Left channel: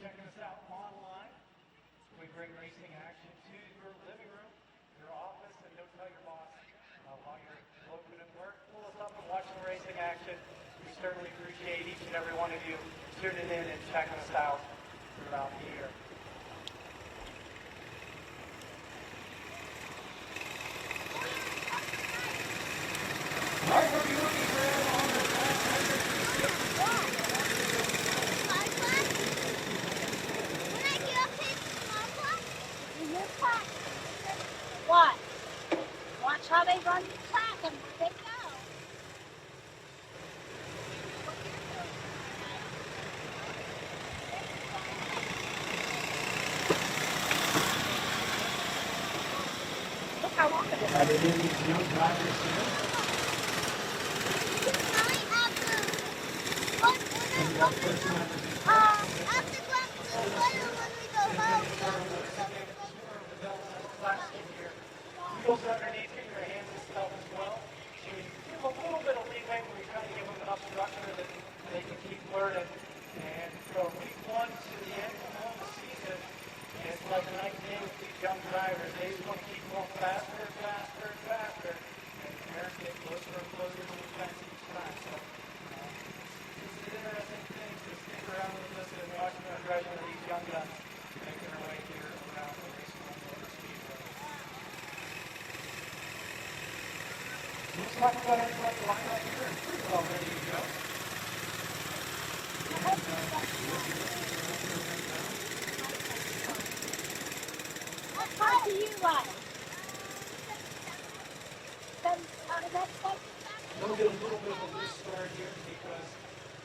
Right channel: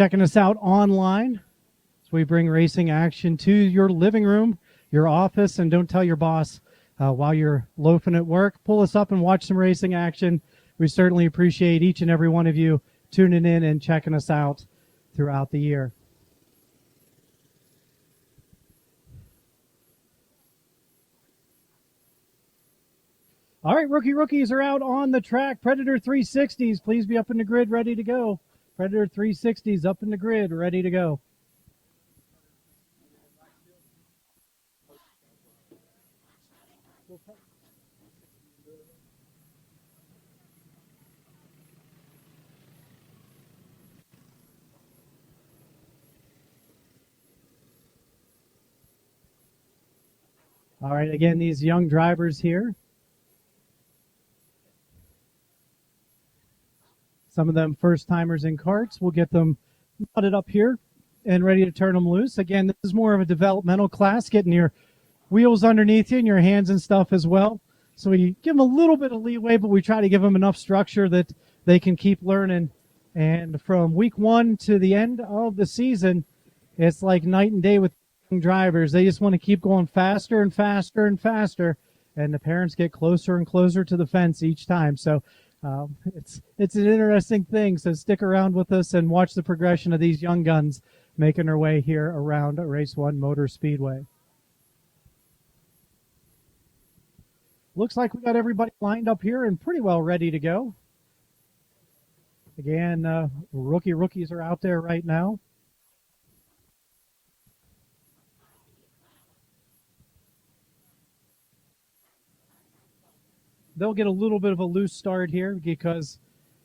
checking us out online. So we bring racing action to your living room, your office, and don't tell your boss while you're loafing at work. Pull us up and watch some racing action. We certainly appreciate each and every one of you tuning in and checking us out throughout the year. All right, rookies are out on the track. Predator 360s, please be up in the grid, ready to go. Predator 360s up in the grid, ready to go. What? Watch how they run the track and where they go. All right, again, these young drivers here. Some of them first-timers in karts. We'll get them putted up here and ready to turn them loose. Again, this is more of a developmental class, getting your wheels underneath you and your hands and stuff as well. So we give them a little bit of leeway, but we try to give them enough structure that they can keep learning. And from week 1 to the end of the season, it's like night and day with young drivers. They just want to keep going faster and faster and faster, and the parents get closer and closer to the fence each time. So it's an interesting thing. So stick around with us and watch the progression of these young guns making their way here around Race-1 Motor Speedway. Looks like we've got everybody lined up here and pretty well ready to go. Again, the rookies are out there right now. They'll get a little bit of a loose start here because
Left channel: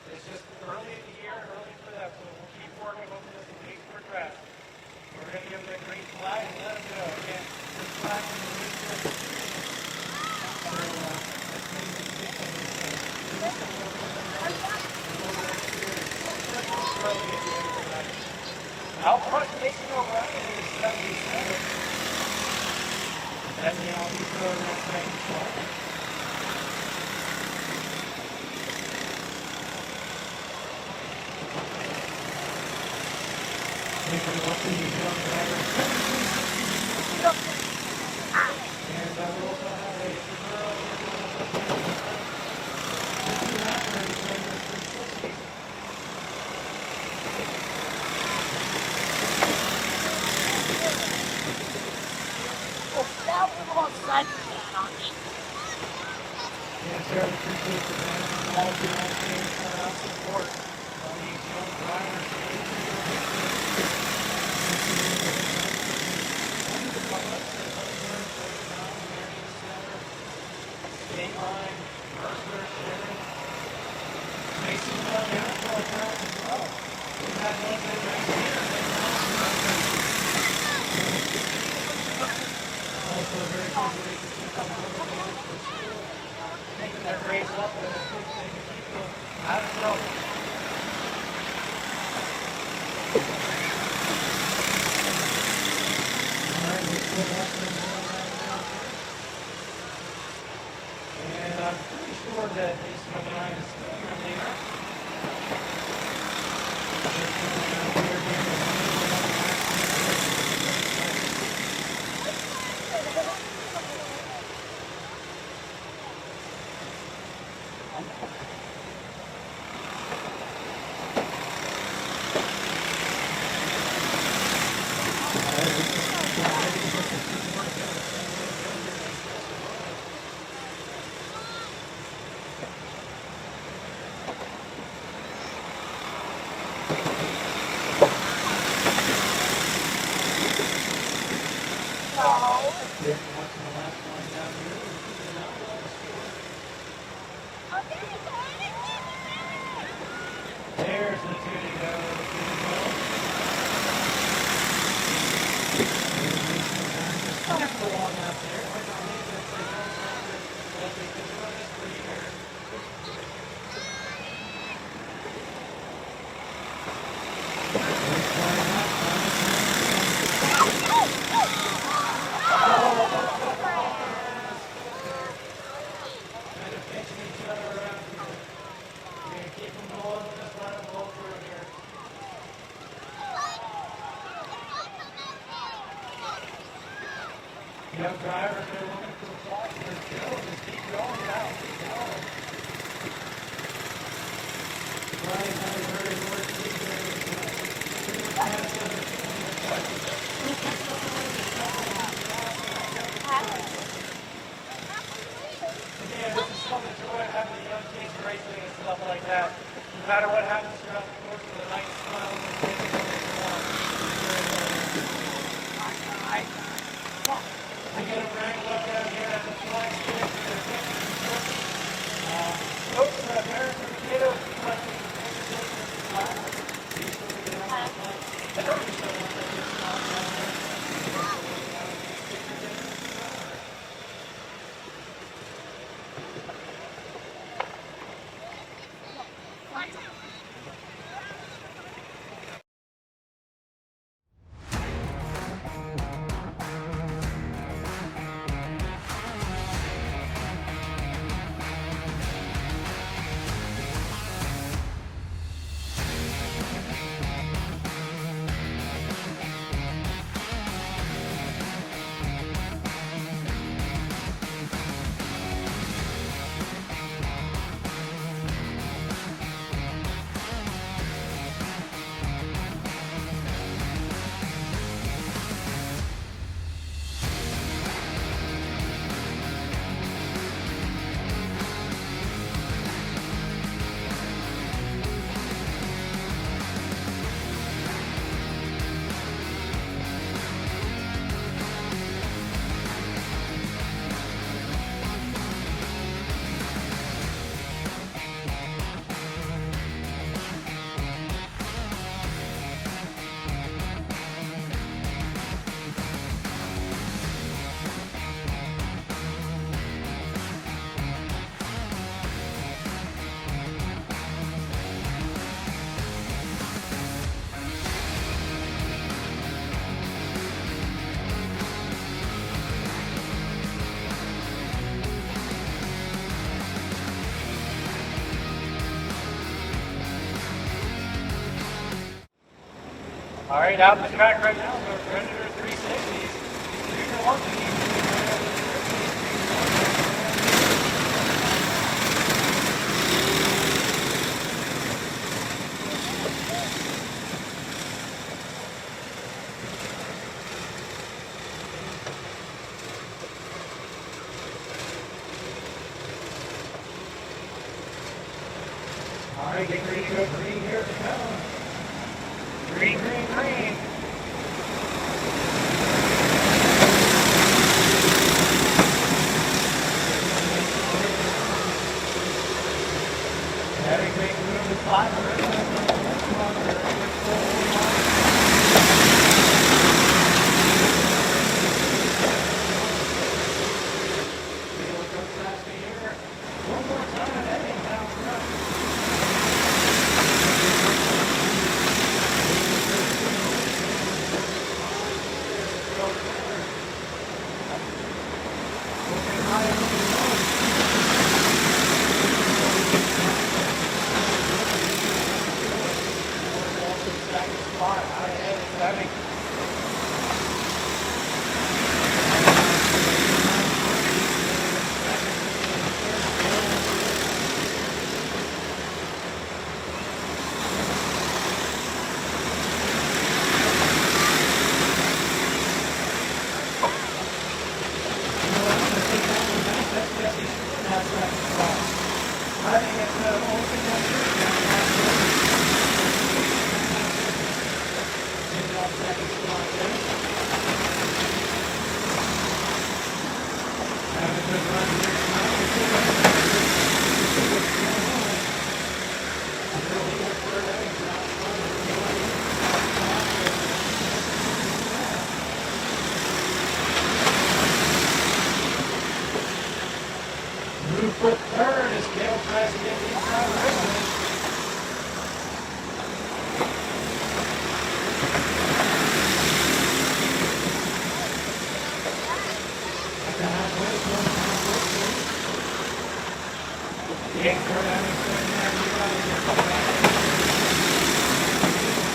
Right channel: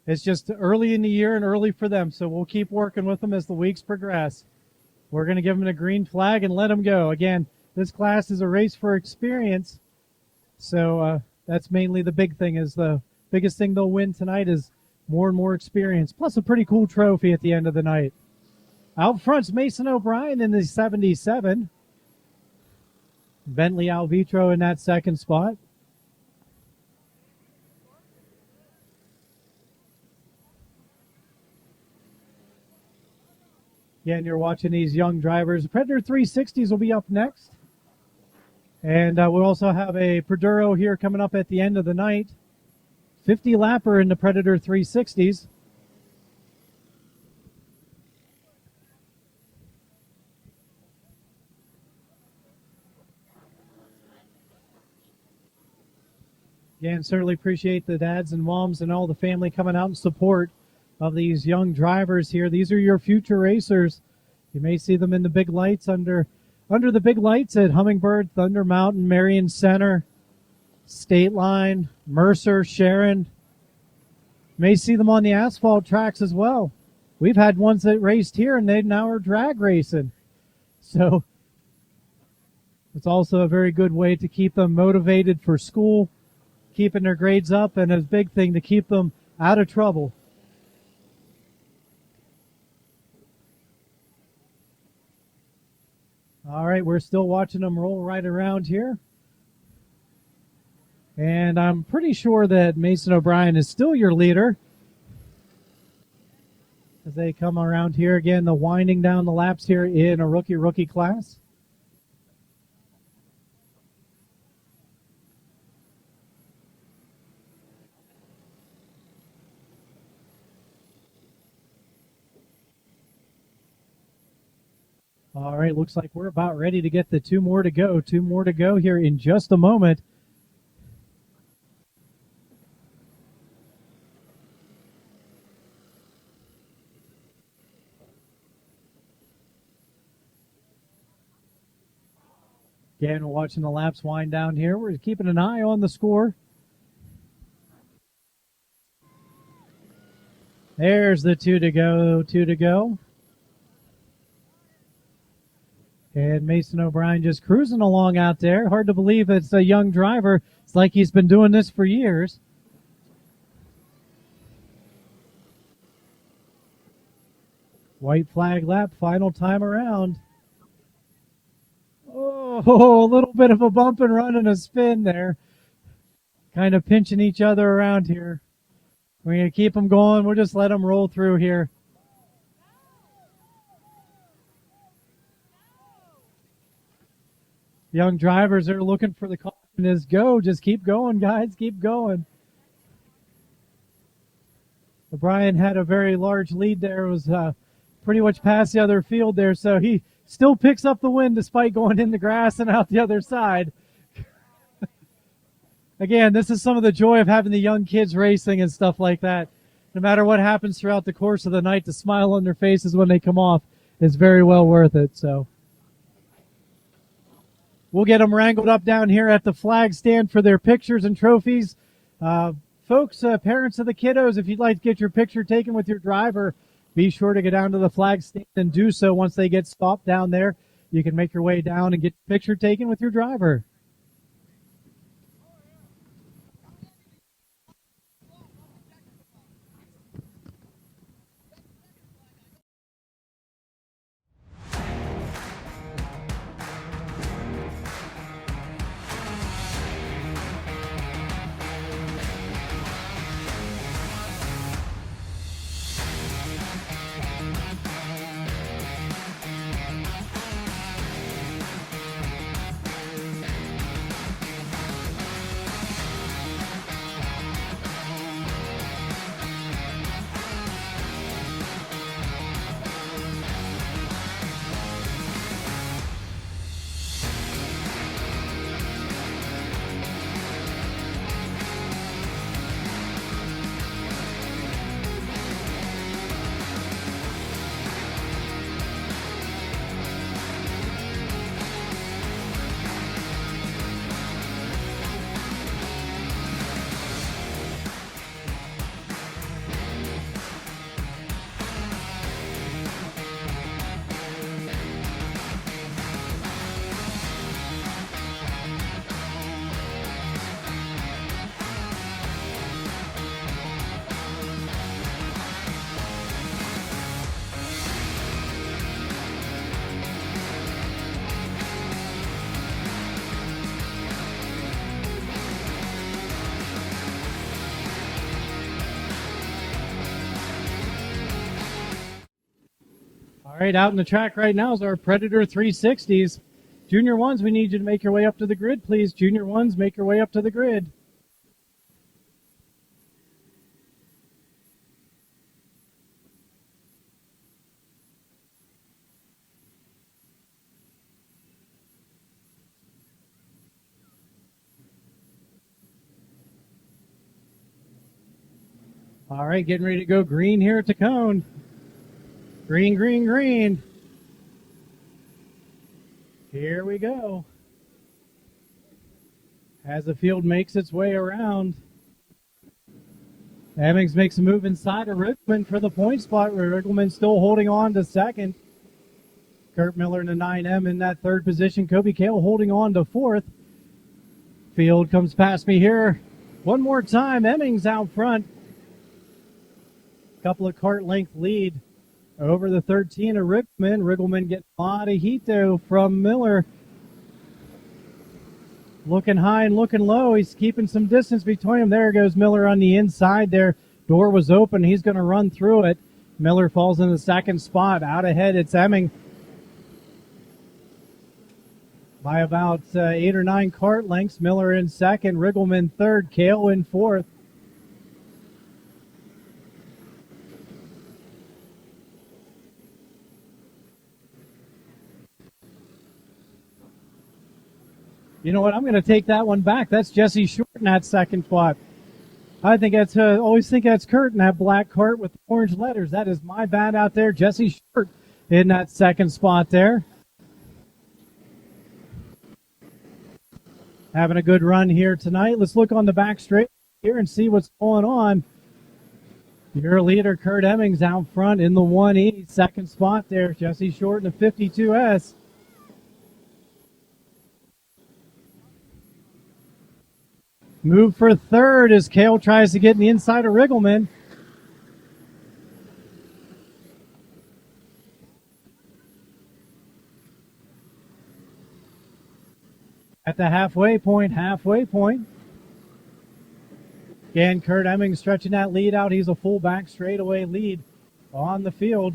it's just early in the year and early for them. So we'll keep working with them as the weeks progress. We're going to give them the green flag and let them go. Again, this class is a race for experience. So that's mainly the big thing. Is the biggest thing they'll win tonight is more and more experience. Plus a pretty cool trophy at the end of the night. Out front's Mason O'Brien in his 77. Bentley Alvito in that second spot. Again, you're watching these young drivers. Predator 360s will be up next. And we'll also have a Preduro here coming up at the end of the night. 50 lapper in the Predator 360s. Again, certainly appreciate the dads and moms and all the family coming out in support of these young drivers here. These are your future racers. You may see them in the big lights under the big lights at Hummingbird, Thunder Mountain, Marion Center, State Line, Mercer, Sharon. You may see them on the asphalt tracks as well. We've had ones that raced here and they've now drag racing. So it's also a very good way to keep them motivated for school, keeping their grades up, and a big thing to keep them out of trouble. All right, we're still watching them roll right around here. And I'm pretty sure that Mason O'Brien is still your leader. They come around here again. They're winding down the laps here in a rookie class. All right, we're about ready to get to two more to go. Two more to go here in just a moment. Again, we're watching the laps wind down here. We're keeping an eye on the score. There's the two to go. And Mason O'Brien just cruising along out there. Hard to believe it's a young driver. It's like he's been doing this for years. White flag lap, final time around. Oh, a little bit of a bump and run and a spin there. Kind of pinching each other around here. We're going to keep them going. We'll just let them roll through here. Young drivers are looking for the call. Just go. Just keep going, guys. Keep going. Brian had a very large lead there. It was pretty much past the other field there, so he still picks up the win despite going in the grass and out the other side. Again, this is some of the joy of having the young kids racing and stuff like that. No matter what happens throughout the course of the night, the smile on their faces when they come off is very well worth it. So we'll get them wrangled up down here at the flag stand for their pictures and trophies. Folks, parents of the kiddos, if you'd like to get your picture taken with your driver, be sure to go down to the flag stand and do so once they get stopped down there. You can make your way down and get your picture taken with your driver. All right, out on the track right now is our Predator 360s. Junior ones, we need you to make your way up to the grid, please. Junior ones, make your way up to the grid. All right, getting ready to go green here at the cone. Green, green, green. As the field makes its way around. Evans makes a move inside of Richmond for the point spot where Richmond's still holding on to second. In that third position, Cody Taylor holding on to fourth. Field comes past me here. One more time, Emmings out front. Second part length lead. Over the 13 of Richmond. Riddleman gets body heat though from Miller. Looking high and looking low. He's keeping some distance between. There goes Miller on the inside there. Door was open. He's going to run through it. Miller falls in the second spot. Out ahead, it's Emming. By about 8 or 9 part lengths. Miller in second. Riddleman third. Tail in fourth. You know what? I'm going to take that one back. That's Jesse Short in that second spot. I think that's, always think that's Kurt in that black part with orange letters. That was my bad out there. Jesse Short in that second spot there. Having a good run here tonight. Let's look on the back straight and see what's going on. Your leader, Kurt Emmings, out front in the 1-8 second spot there. Jesse Short, the 52S. Move for third as Kale tries to get the inside of Riggleman. At the halfway point. Again, Kurt Emmings stretching that lead out. He's a fullback straightaway lead on the field.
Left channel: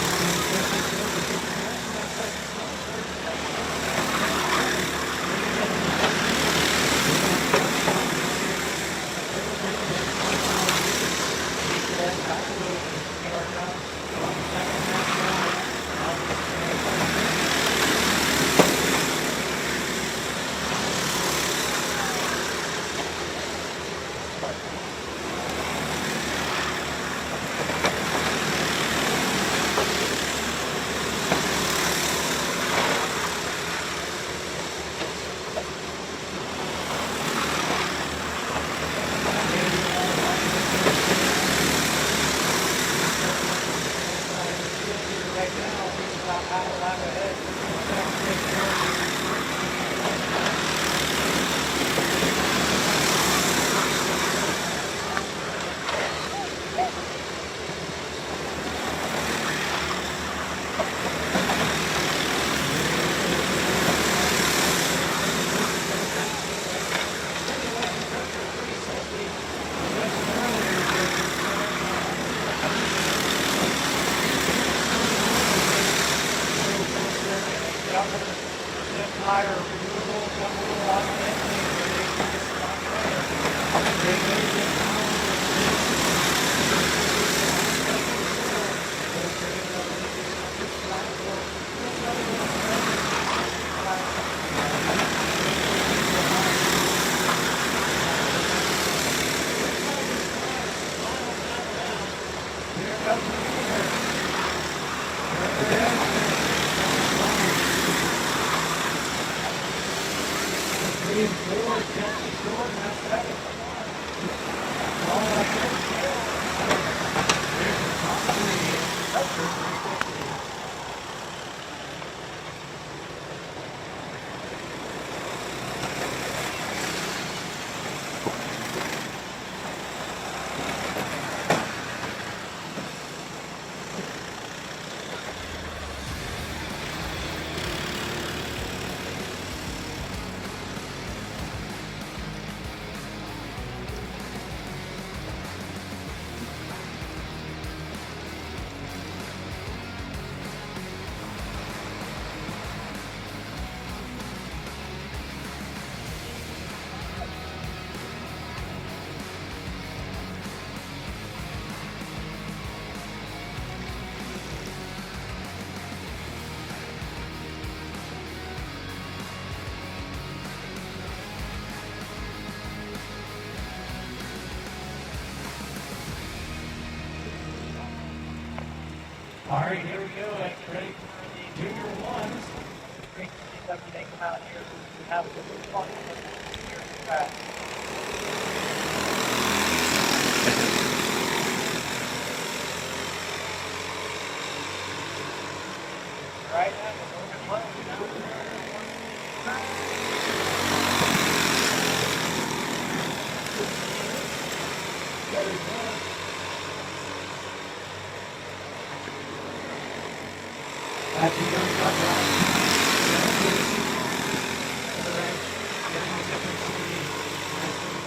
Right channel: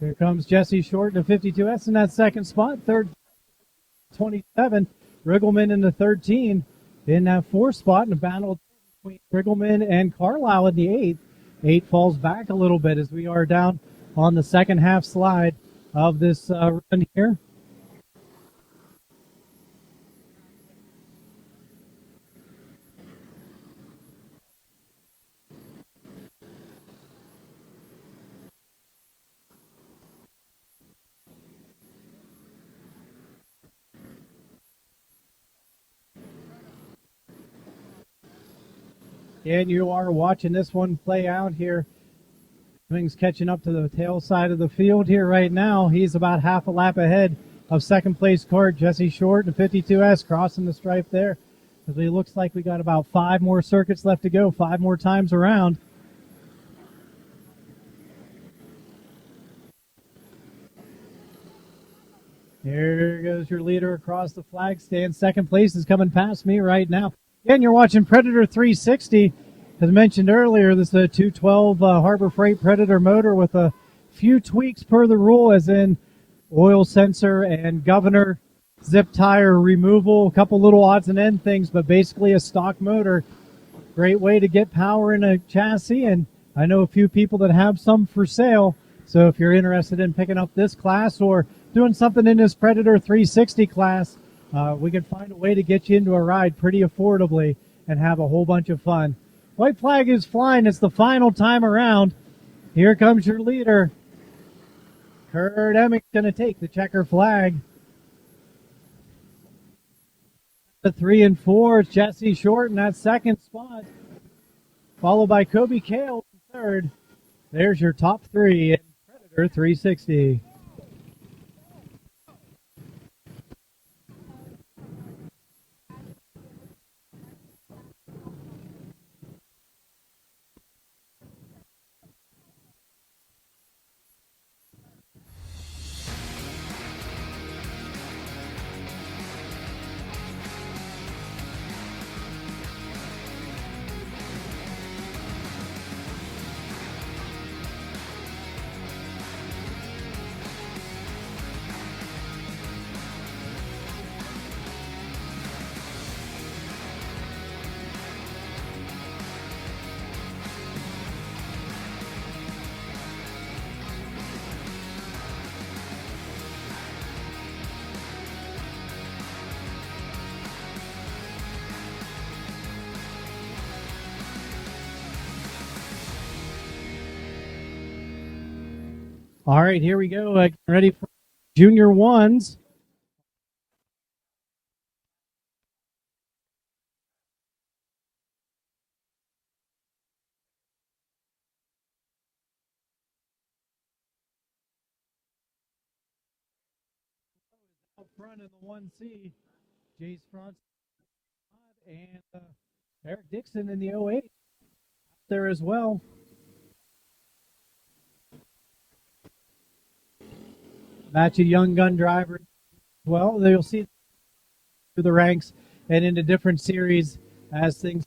Here comes Jesse Short with 52S in that second spot. Third, 27. Riggleman in the 13 in that fourth spot. And down at Riggleman and Carlisle at the 8. 8 falls back a little bit as we are down on the second half slide of this sprint. If you are watching this one play out here, he's catching up to the tail side of the field here right now. He's about half a lap ahead of second place cart, Jesse Short, and 52S crossing the stripe there. It looks like we've got about 5 more circuits left to go, 5 more times around. Here is the leader across the side, staying second place. He's coming past me right now. Again, you're watching Predator 360. As mentioned earlier, this is a 212 Harbor Freight Predator motor with a few tweaks per the rule, as in oil sensor and governor, zip tire removal, a couple little odds and end things, but basically a stock motor. Great way to get power in a chassis, and I know a few people that have some for sale. So if you're interested in picking up this class or doing something in this Predator 360 class, we can way to get you into a ride pretty affordably and have a whole bunch of fun. White flag is flying. It's the final time around. Here comes your leader. Herbert Emmons going to take the checkered flag. The 3 and 4, Jesse Short in that second spot, followed by Kobe Taylor. Third. There's your top 3 for 360. All right, here we go. Ready for junior ones. There as well. That's a young gun drive. Well, we'll see to the ranks and into different series as things.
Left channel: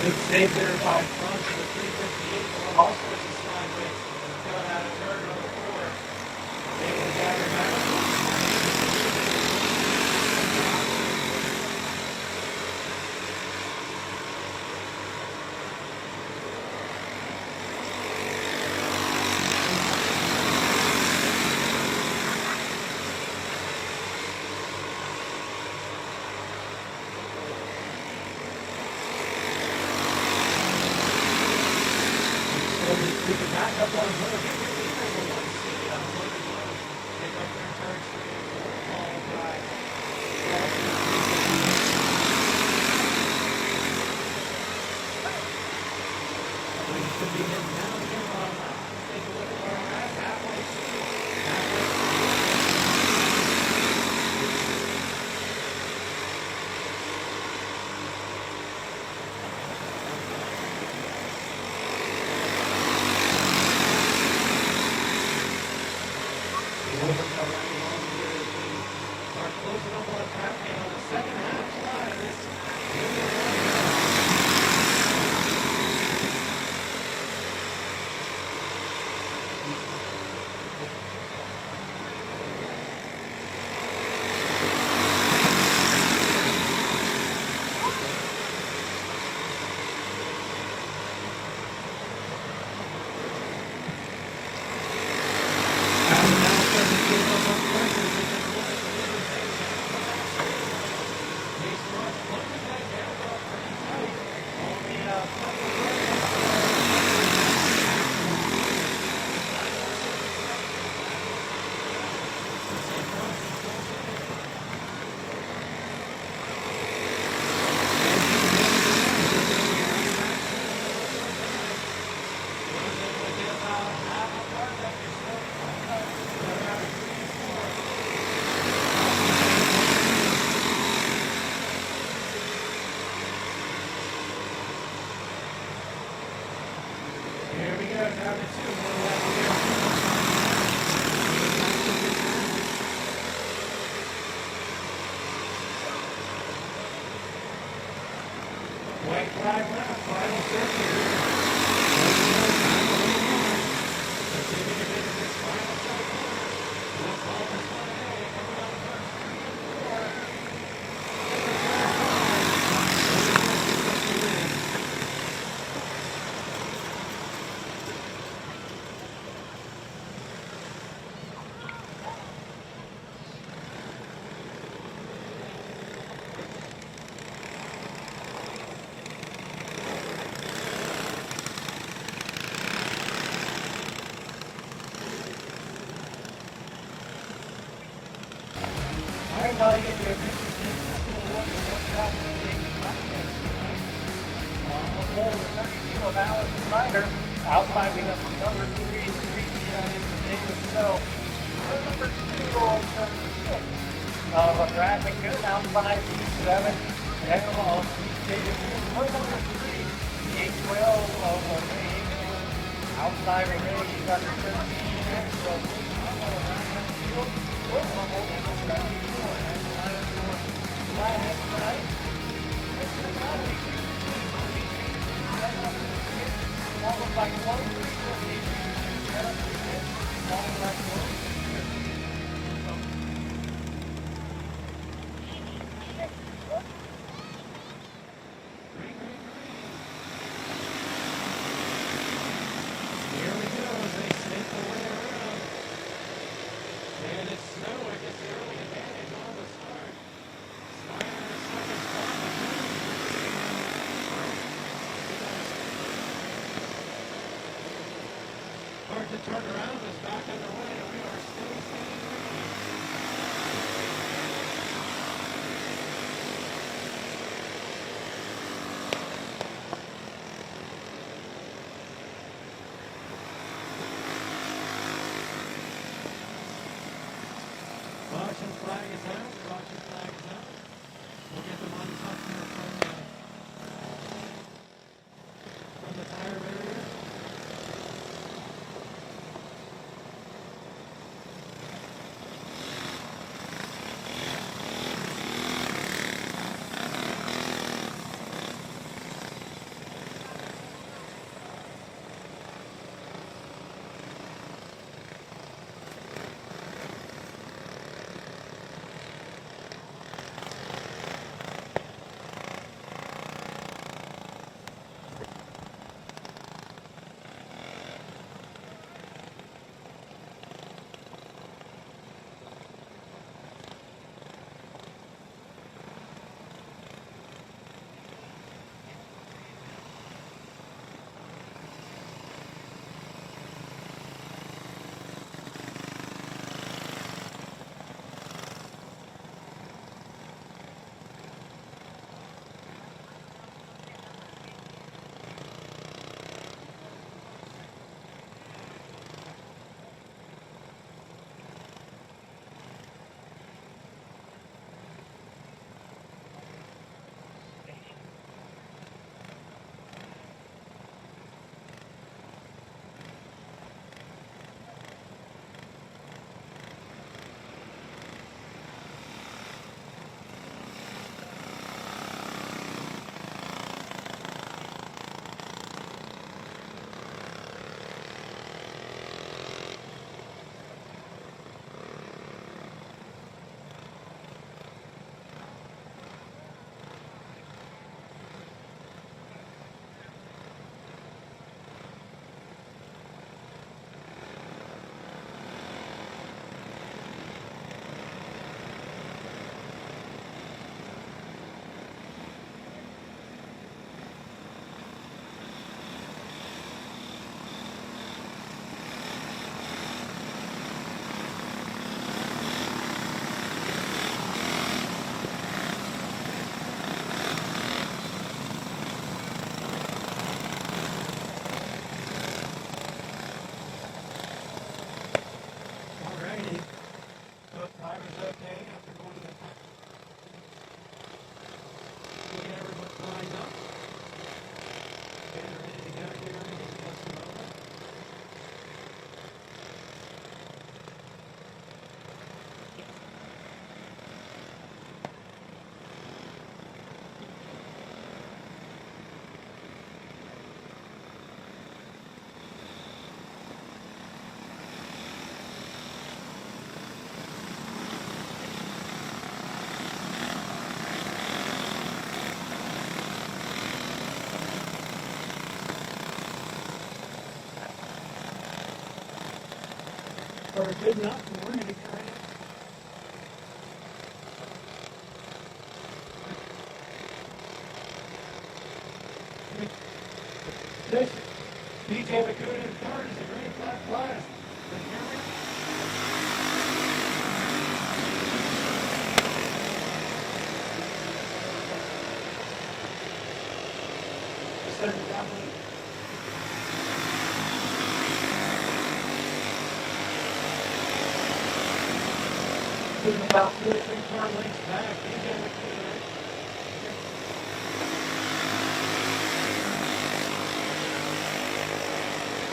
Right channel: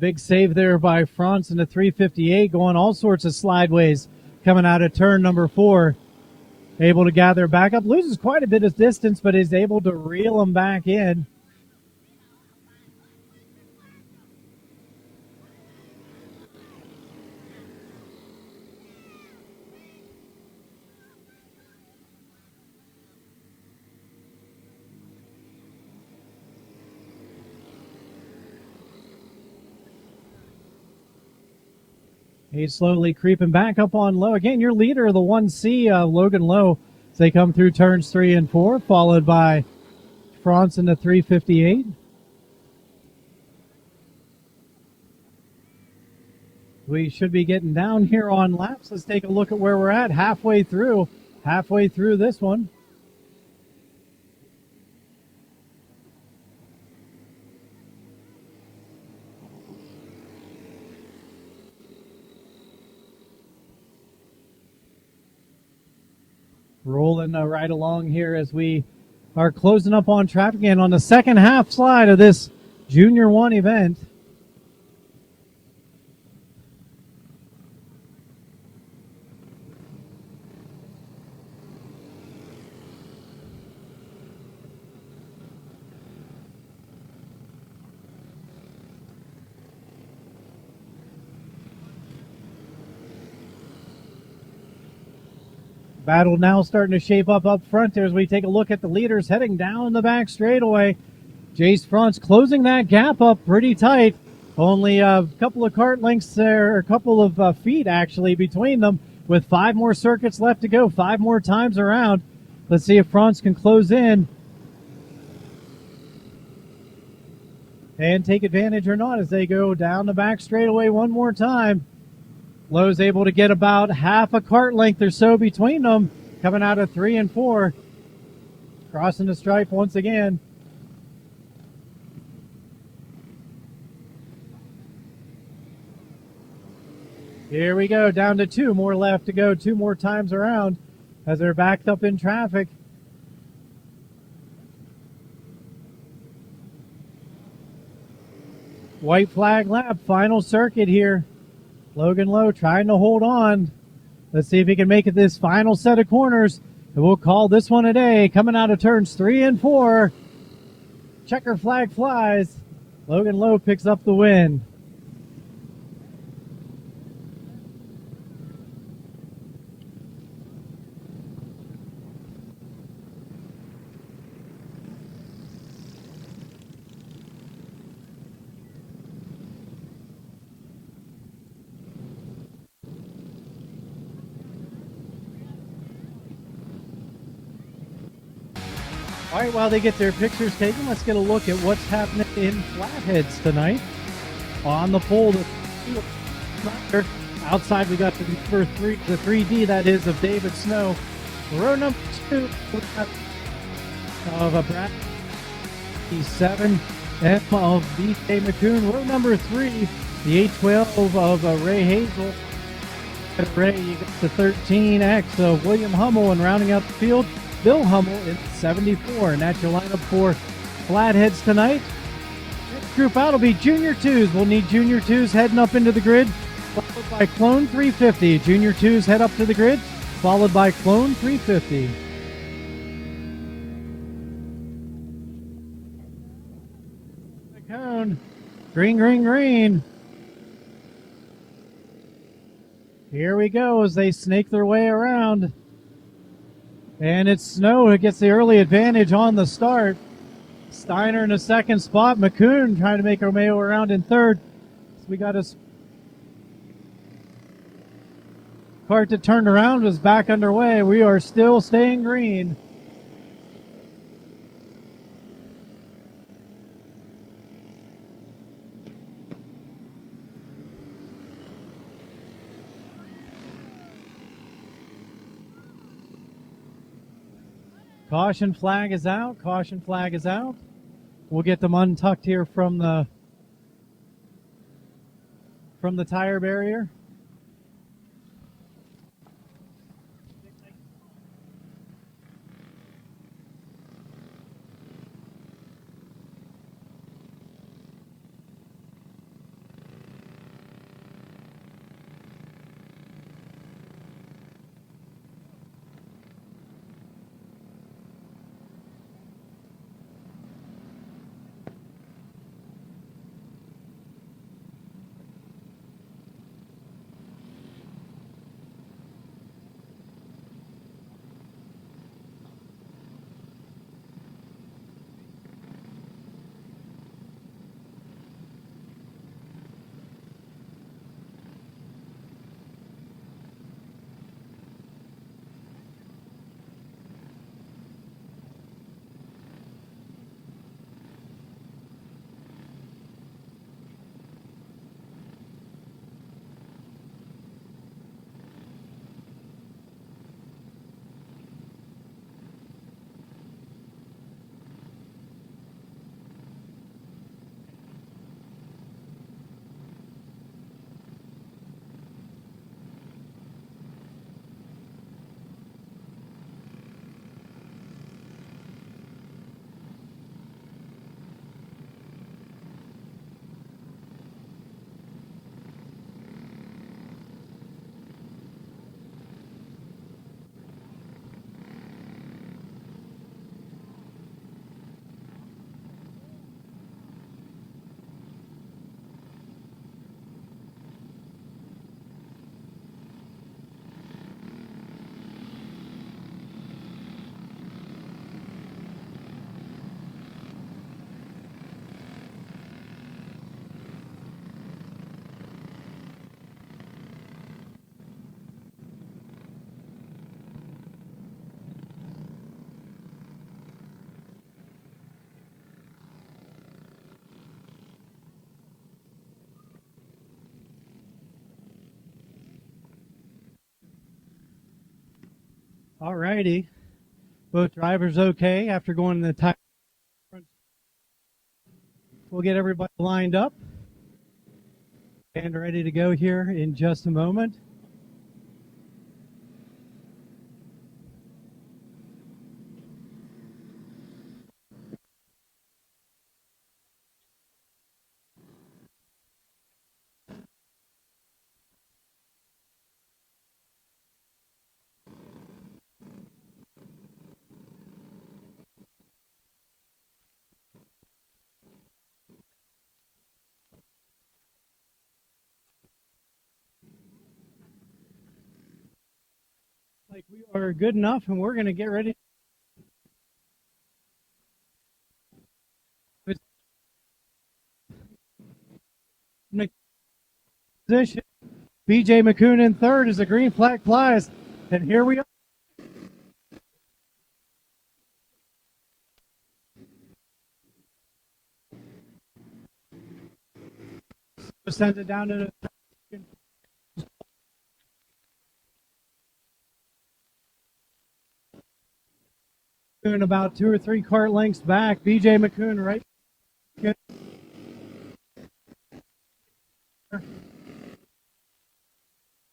Big save there by Franz in the 358, going all sorts of slideways coming out of turn number 4. Able to gather back up, losing quite a bit of distance, but is able to reel them back in. You're slowly creeping back up on Low. Again, your leader of the 1C, Logan Lowe. They come through turns 3 and 4, followed by France in the 358. We should be getting down here on laps. Let's take a look at where we're at halfway through halfway through this one. Rolling right along here as we are closing up on traffic and on the second half slide of this Junior 1 event. Battle now starting to shape up front as we take a look at the leaders heading down the back straightaway. Jace Front's closing that gap up pretty tight. Only a couple of kart lengths there, a couple of feet actually between them, with 5 more circuits left to go, 5 more times around. Let's see if Front's can close in and take advantage or not as they go down the back straightaway one more time. Lowe's able to get about half a kart length or so between them, coming out of 3 and 4. Crossing the stripe once again. Here we go, down to 2 more left to go, 2 more times around as they're backed up in traffic. White flag lap, final circuit here. Logan Lowe trying to hold on. Let's see if he can make it this final set of corners. We'll call this one a day. Coming out of turns 3 and 4. Checker flag flies. Logan Lowe picks up the win. All right, while they get their pictures taken, let's get a look at what's happening in Flatheads tonight. On the pole, outside we got the number 3, the 3D that is of David Snow. Row number 2 of a Bradley outside the 7 F of BJ McCoon. Row number 3, the 812 of Ray Hazel. Outside Ray, you got the 13X of William Hummel, and rounding out the field, Bill Hummel is 74, and that's your lineup for Flatheads tonight. Group out will be Junior 2s. We'll need Junior 2s heading up into the grid, followed by Clone 350. Junior 2s head up to the grid, followed by Clone 350. Down. Green, green, green. Here we go as they snake their way around. And it's Snow who gets the early advantage on the start. Steiner in the second spot. McCoon trying to make Romeo around in third. We got a kart that turned around, was back underway. We are still staying green. Caution flag is out. Caution flag is out. We'll get them untucked here from the tire barrier. All righty. Both drivers okay after going to the tire. We'll get everybody lined up and ready to go here in just a moment. Are good enough, and we're going to get ready. Position. BJ McCoon in third as the green flag flies. And here we go. Send it down to the doing about 2 or 3 part lengths back. BJ McCoon right.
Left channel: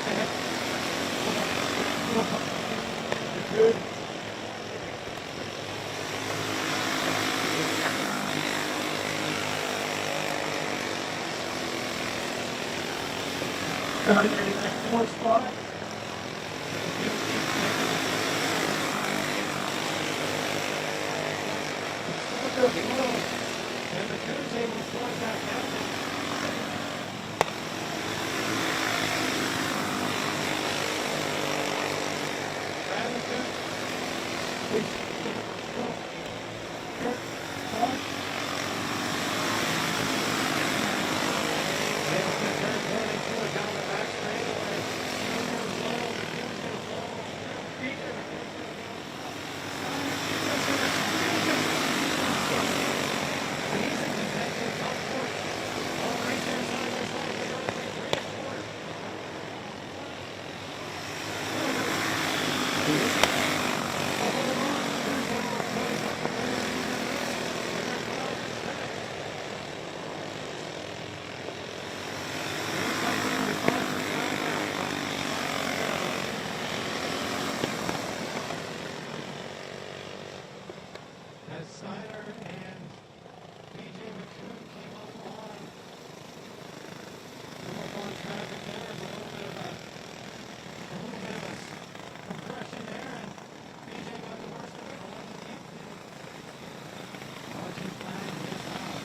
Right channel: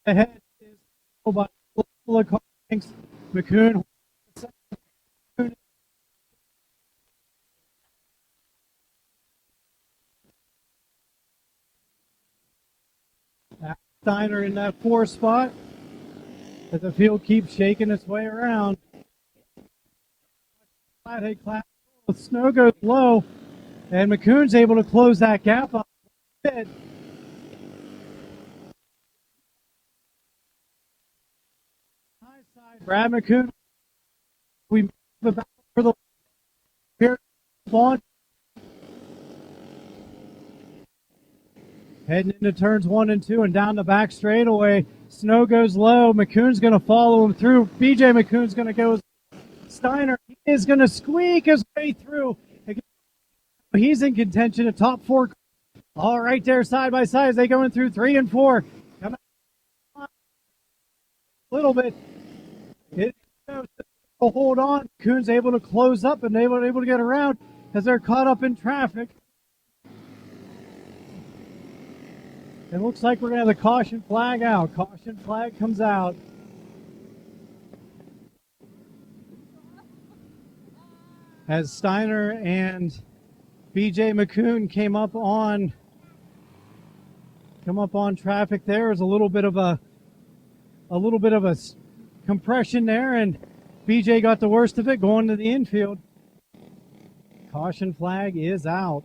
Ahead. McCoon. Steiner in that 4 spot. But the field keeps shaking its way around. The snow goes low, and McCoon's able to close that gap up. Brad McCoon, for the here, launch. Heading to turns 1 and 2 and down the back straightaway. Snow goes low. McCoon's going to follow him through. BJ McCoon's going to go. Steiner is going to squeak his way through. He's in contention at top 4. All right there, side by side. They go in through 3 and 4. A little bit. Will hold on. McCoon's able to close up, and they were able to get around because they're caught up in traffic. It looks like we're going to have a caution flag out. Caution flag comes out. As Steiner and BJ McCoon come up on traffic, there's a little bit of a compression there, and BJ got the worst of it going to the infield. Caution flag is out.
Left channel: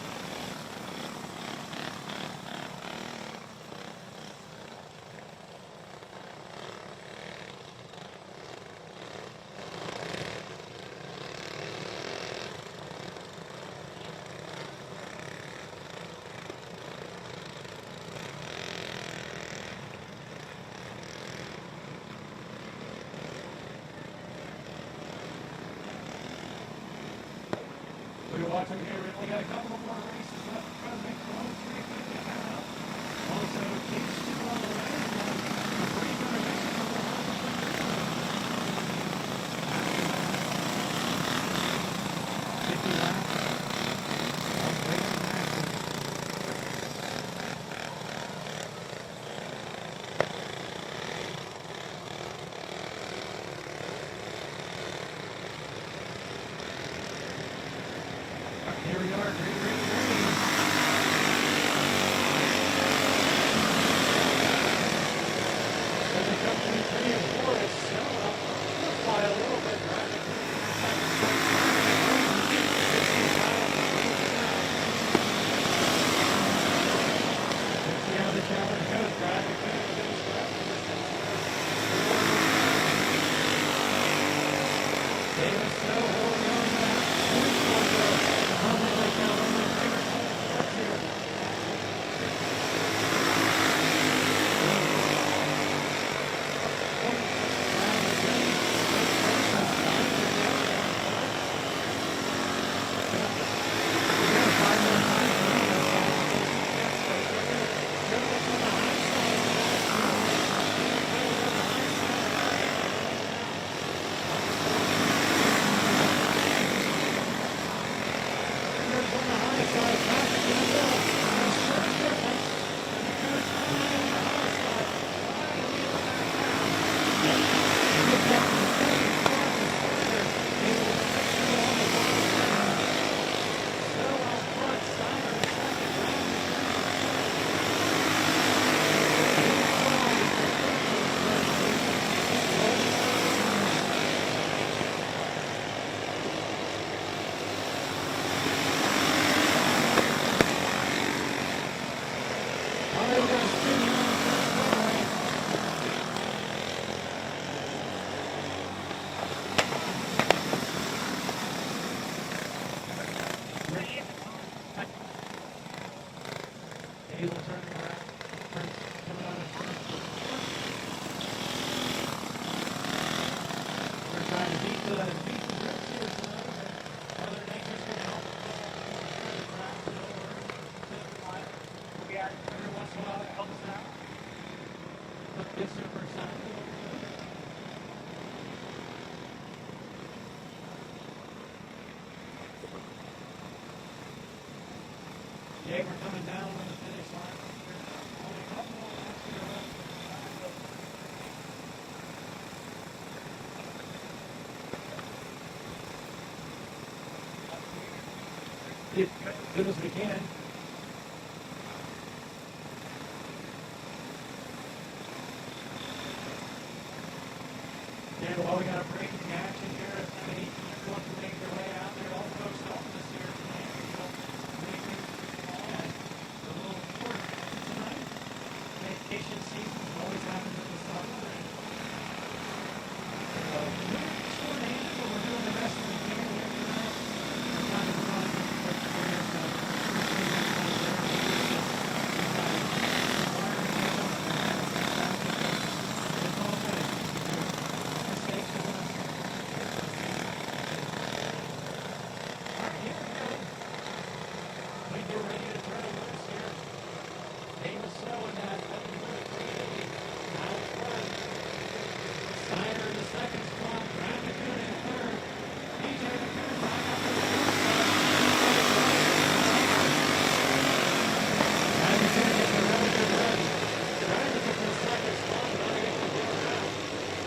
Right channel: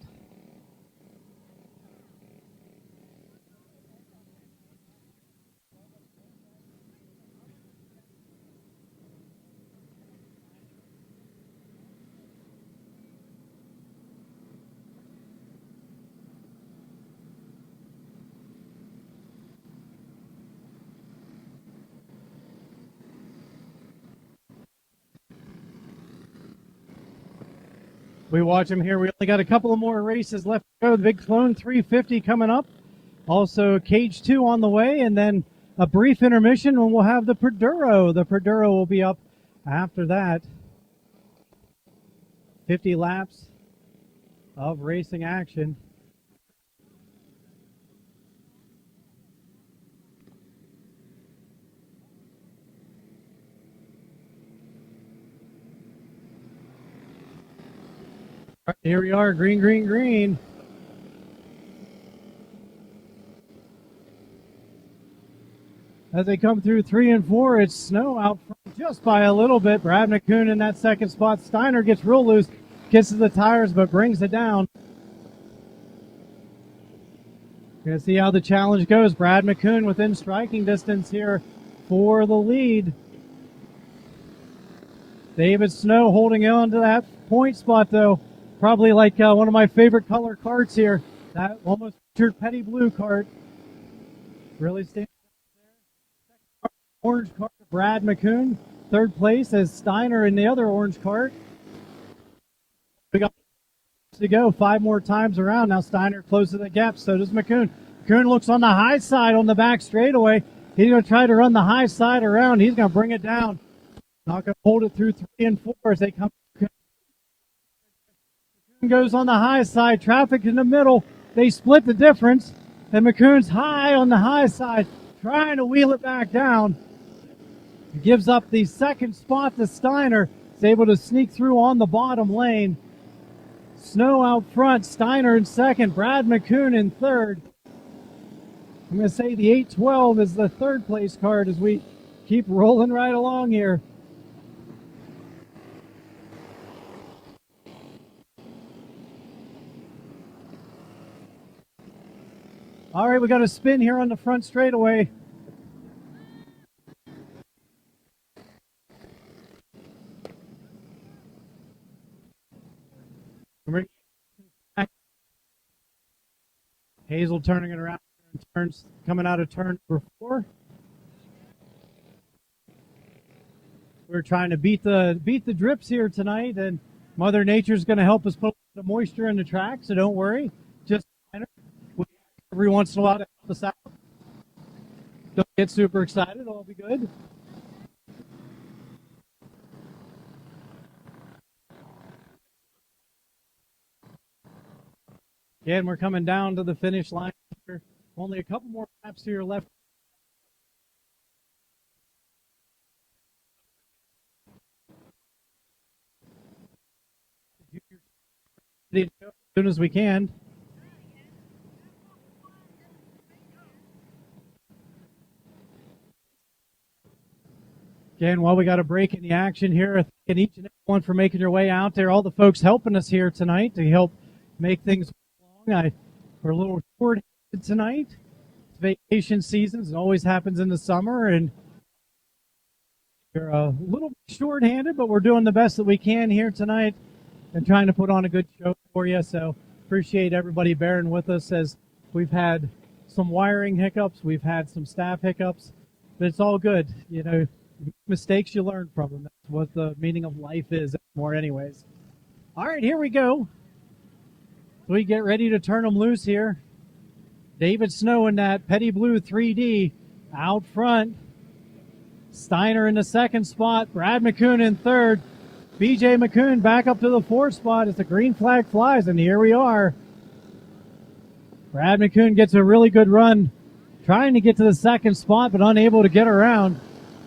We watch them here. We only got a couple of more races left to go. The Big Clone 350 coming up. Also Cage 2 on the way, and then a brief intermission and we'll have the Perduro. The Perduro will be up after that. 50 laps of racing action. Here we are, green, green, green. As they come through 3 and 4, it's snow out just by a little bit. Brad McCoon in that second spot. Steiner gets real loose, kisses the tires, but brings it down. We'll see how the challenge goes. Brad McCoon within striking distance here for the lead. David Snow holding on to that point spot though. Probably like one of my favorite color carts here. That one with your Petty Blue cart. Orange cart, Brad McCoon, third place as Steiner in the other orange cart. We got to go 5 more times around. Now Steiner closing the gap. So does McCoon. McCoon looks on the high side on the back straightaway. He's going to try to run the high side around. He's going to bring it down. Tucker pulled it through the skin foot. He goes on the high side, traffic in the middle. They split the difference, and McCoon's high on the high side, trying to wheel it back down. Gives up the second spot to Steiner, able to sneak through on the bottom lane. Snow out front, Steiner in second, Brad McCoon in third. I'm going to say the 812 is the third place card as we keep rolling right along here. All right, we got a spin here on the front straightaway. Hazel turning it around. Turns coming out of turn 4. We're trying to beat the drips here tonight, and Mother Nature's going to help us put the moisture in the track, so don't worry. Just every once in a while to help us out. Don't get super excited. It'll be good. Again, we're coming down to the finish line. There's only a couple more laps here left. As soon as we can. Again, while we got a break in the action here, and each one for making your way out there. All the folks helping us here tonight. They help make things. We're a little short tonight. Vacation seasons, it always happens in the summer, and we're a little short-handed, but we're doing the best that we can here tonight. I'm trying to put on a good show for you, so appreciate everybody bearing with us as we've had some wiring hiccups, we've had some staff hiccups, but it's all good. You know, mistakes you learn from them. What the meaning of life is, more anyway. All right, here we go. We get ready to turn them loose here. David Snow in that Petty Blue 3D out front. Steiner in the second spot. Brad McCoon in third. BJ McCoon back up to the fourth spot as the green flag flies, and here we are. Brad McCoon gets a really good run, trying to get to the second spot, but unable to get around.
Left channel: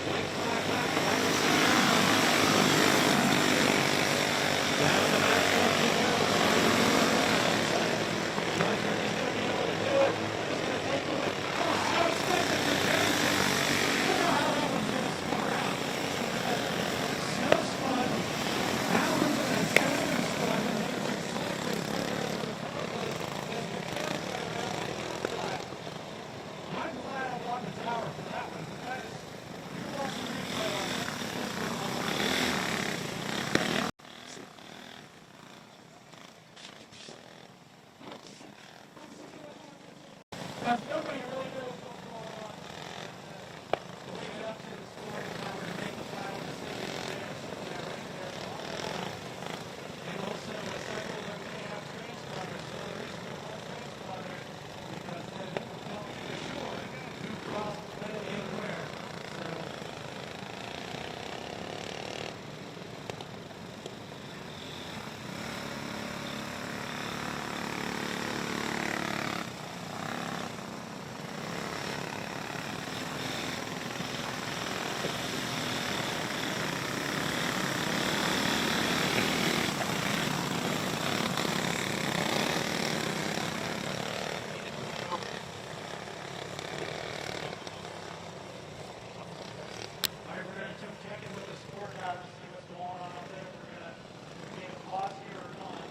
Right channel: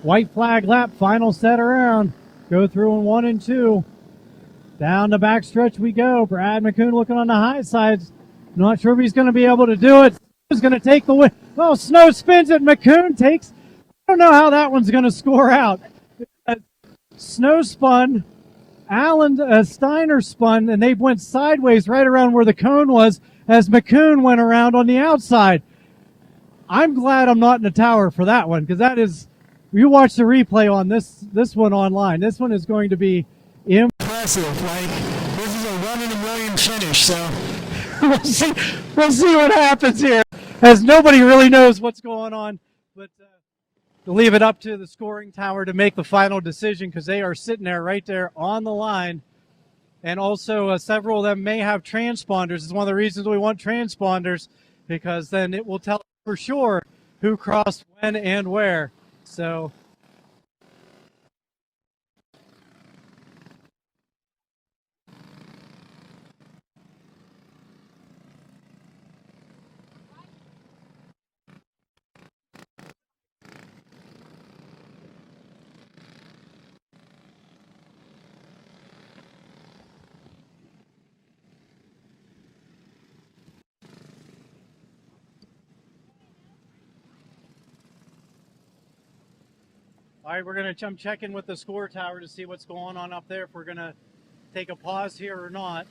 White flag lap, final set around. Go through in 1 and 2. Down the back stretch we go. Brad McCoon looking on the high side. Not sure if he's going to be able to do it. He's going to take the win. Oh, Snow spins it. McCoon takes. I don't know how that one's going to score out. Snow spun. Steiner spun, and they went sideways right around where the cone was as McCoon went around on the outside. I'm glad I'm not in the tower for that one, because that is, you watch the replay on this one online. This one is going to be impressive. Like, this is a 1 in a million finish, so we'll see what happens here, as nobody really knows what's going on. We'll leave it up to the scoring tower to make the final decision, because they are sitting there right there on the line. And also several of them may have transponders. It's one of the reasons we want transponders, because then it will tell for sure who crossed when and where. So all right, we're going to check in with the score tower to see what's going on up there, if we're going to take a pause here or not.